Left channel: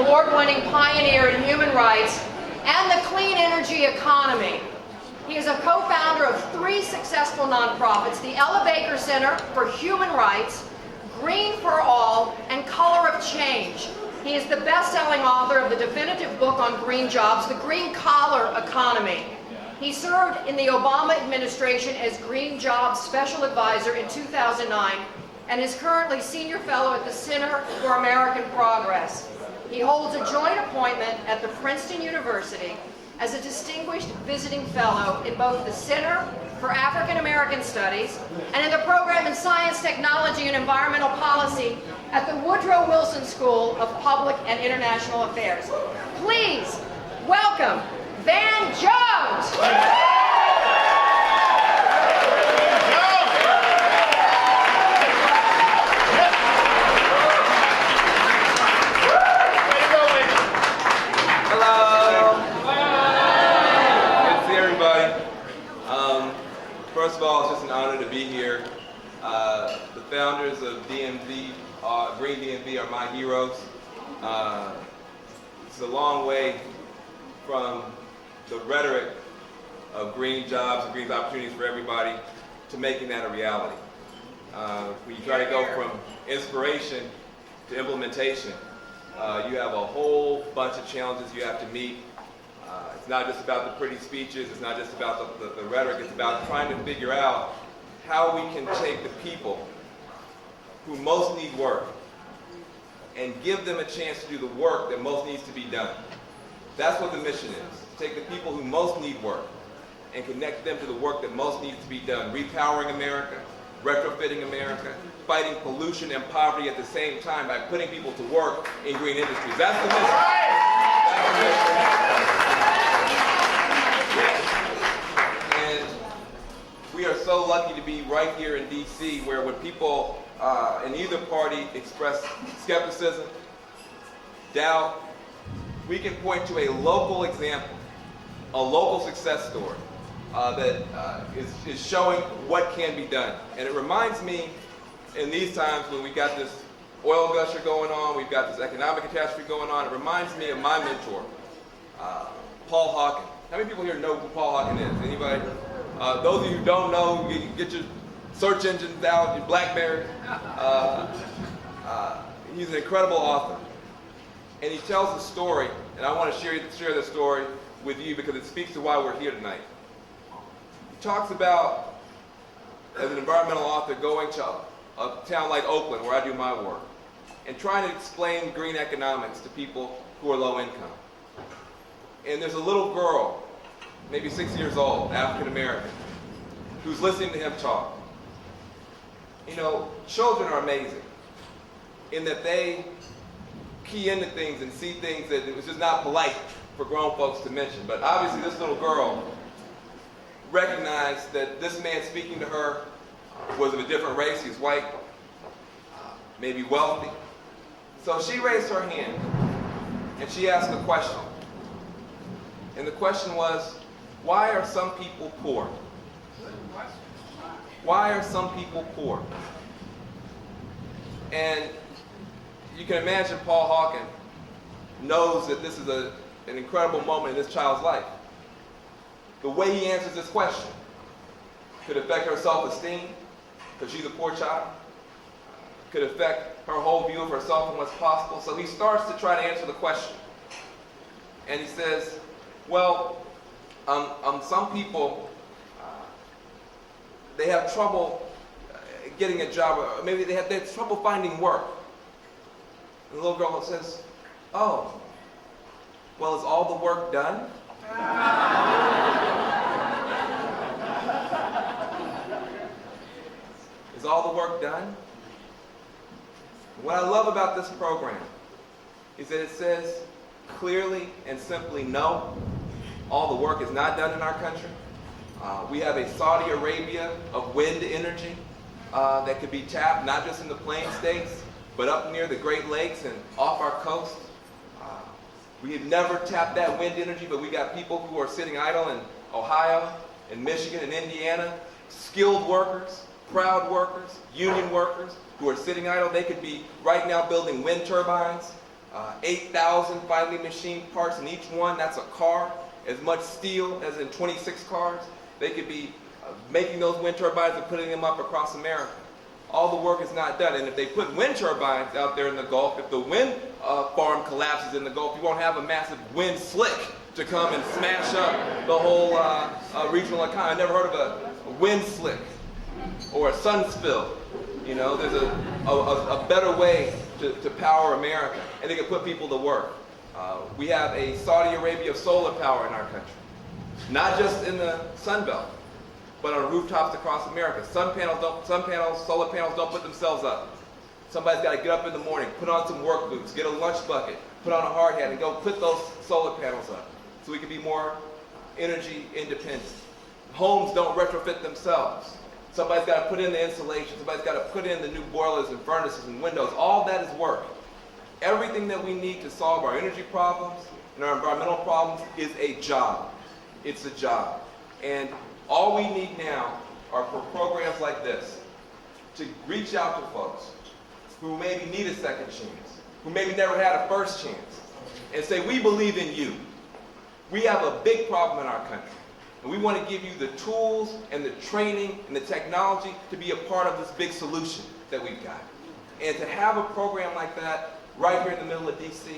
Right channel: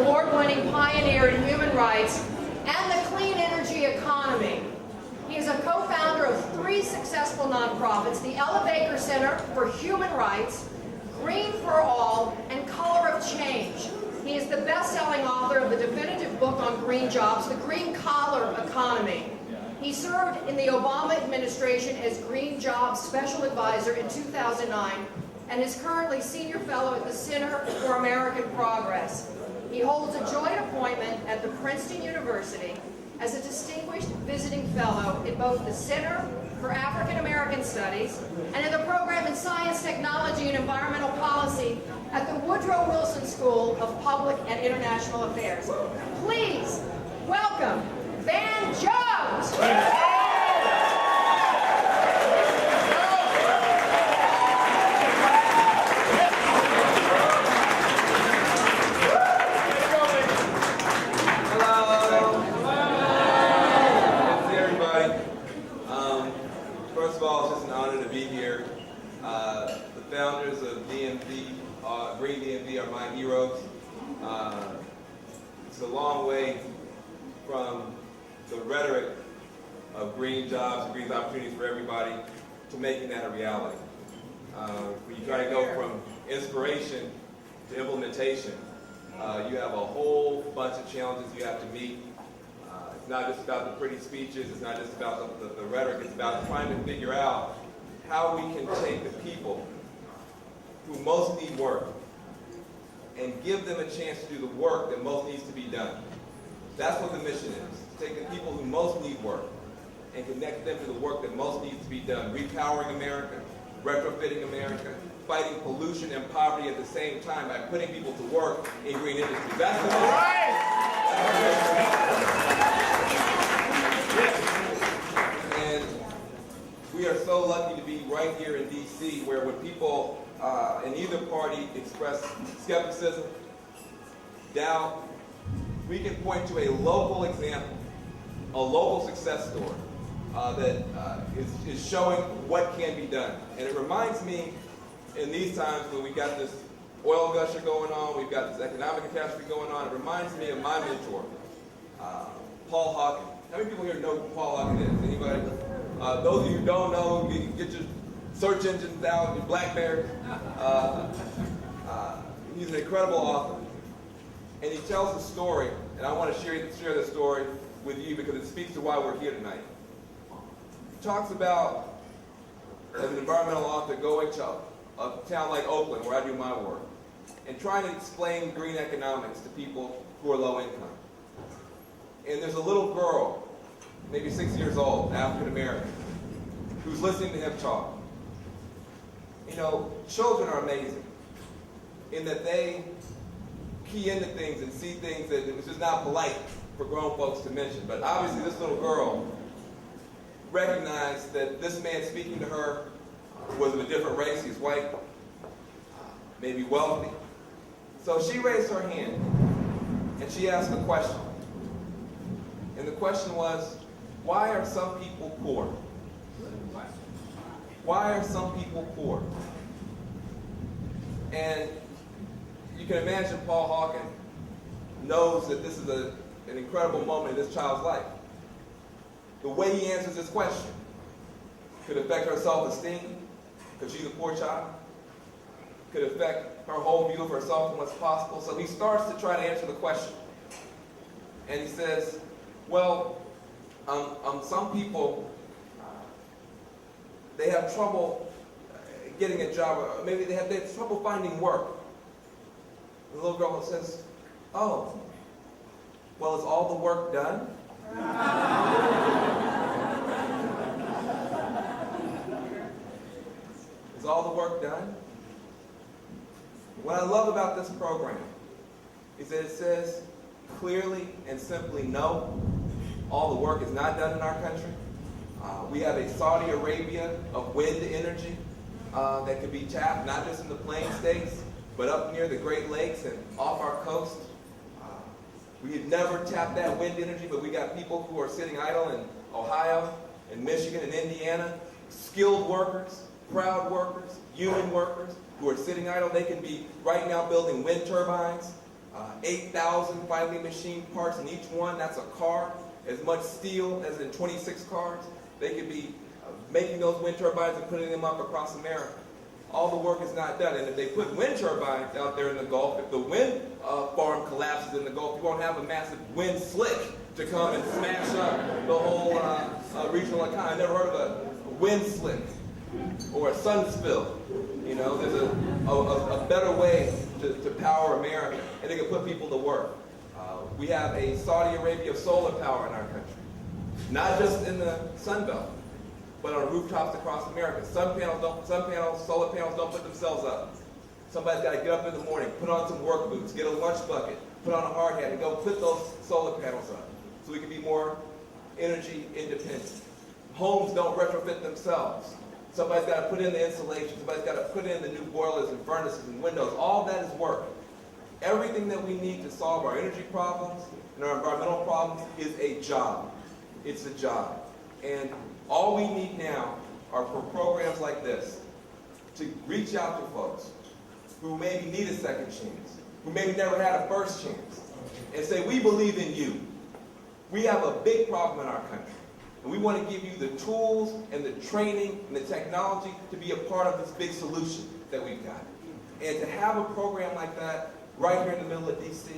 award-winning pioneer in human rights and the clean energy economy. He is a co-founder of 3 successful nonprofits, the Ella Baker Center for Human Rights, Green for All, and Color of Change. He is the best-selling author of the definitive book on green jobs, The Green Collar Economy. He served in the Obama administration as Green Jobs Special Advisor in 2009 and is currently Senior Fellow at the Center for American Progress. He holds a joint appointment at the Princeton University as a Distinguished Visiting Fellow in both the Center for African American Studies and in the program in Science, Technology, and Environmental Policy at the Woodrow Wilson School of Public and International Affairs. Please welcome Van Jones. First of all, it's just an honor to be here. The founders of DMV, Green DMV, are my heroes. It's a long way from the rhetoric of green jobs and green opportunities for everybody to making that a reality. When you try to go from inspiration to implementation, you have a whole bunch of challenges you have to meet. It's not just about the pretty speeches, it's not just about the rhetoric, it's about trying to figure out how we can take the people who most need work and give them a chance to do the work that most needs to be done. That's what the mission is. Take the people who most need work and connect them to the work that most needs to be done. Repowering America, retrofitting America, fighting pollution and poverty at the same time by putting people to work in green industries. That's the mission. That's the mission. And we are so lucky to be right here in DC, where when people in either party express skepticism, doubt, we can point to a local example, a local success story that is showing what can be done. And it reminds me, in these times when we got this oil gusher going on, we've got this economic catastrophe going on, it reminds me of my mentor, Paul Hawken. How many people here know who Paul Hawken is? Anybody? Those of you who don't know, you can get your search engines out, your BlackBerry. He's an incredible author. And he tells a story, and I want to share this story with you because it speaks to why we're here tonight. He talks about, as an environmental author, going to a town like Oakland, where I do my work, and trying to explain green economics to people who are low income. And there's a little girl, maybe 6 years old, African American, who's listening to him talk. You know, children are amazing in that they key into things and see things that it was just not polite for grown folks to mention. But obviously this little girl recognized that this man speaking to her was of a different race. He's white, maybe wealthy. So she raised her hand and she asked a question. And the question was, why are some people poor? Why are some people poor? And you can imagine Paul Hawken knows that this is an incredible moment in this child's life. The way he answers this question could affect her self-esteem, because she's a poor child, could affect her whole view of herself and what's possible. So he starts to try to answer the question. And he says, well, some people, they have trouble getting a job, or maybe they have trouble finding work. And the little girl says, oh, well, is all the work done? Is all the work done? What I love about this program is that it says clearly and simply, no, all the work is not done in our country. We have a Saudi Arabia of wind energy that can be tapped not just in the Plain States, but up near the Great Lakes and off our coast. We have never tapped that wind energy, but we got people who are sitting idle in Ohio, in Michigan, and Indiana, skilled workers, proud workers, union workers, who are sitting idle. They could be right now building wind turbines 8,000 finely machined parts in each one. That's a car. As much steel as in 26 cars. They could be making those wind turbines and putting them up across America. All the work is not done. And if they put wind turbines out there in the Gulf, if the wind farm collapses in the Gulf, you won't have a massive wind slick to come and smash up the whole regional economy. I never heard of a wind slick or a sun spill. You know, there's a better way to power America, and they can put people to work. We have a Saudi Arabia of solar power in our country, not just in the Sun Belt, but on rooftops across America. Solar panels don't put themselves up. Somebody's got to get up in the morning, put on some work boots, get a lunch bucket, put on a hard hat, and go put those solar panels up so we can be more energy independent. Homes don't retrofit themselves. Somebody's got to put in the insulation. Somebody's got to put in the new boilers and furnaces and windows. All that is work. Everything that we need to solve our energy problems and our environmental problems is a job. It's a job. And all we need now are for programs like this to reach out to folks who maybe need a second chance, who maybe never had a first chance, and say, we believe in you. We have a big problem in our country, and we want to give you the tools and the training and the technology to be a part of this big solution that we've got. And to have a program like that right here in the middle of D.C.,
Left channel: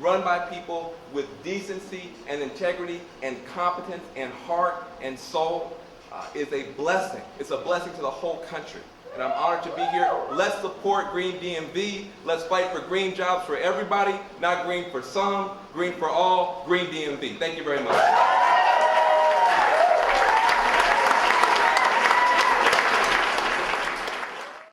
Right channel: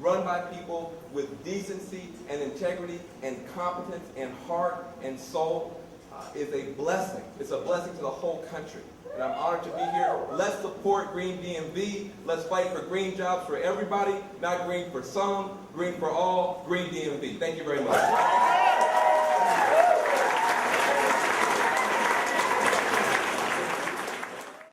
run by people with decency and integrity and competence and heart and soul, is a blessing. It's a blessing to the whole country. And I'm honored to be here. Let's support Green DMV. Let's fight for green jobs for everybody, not green for some, green for all, Green DMV. Thank you very much.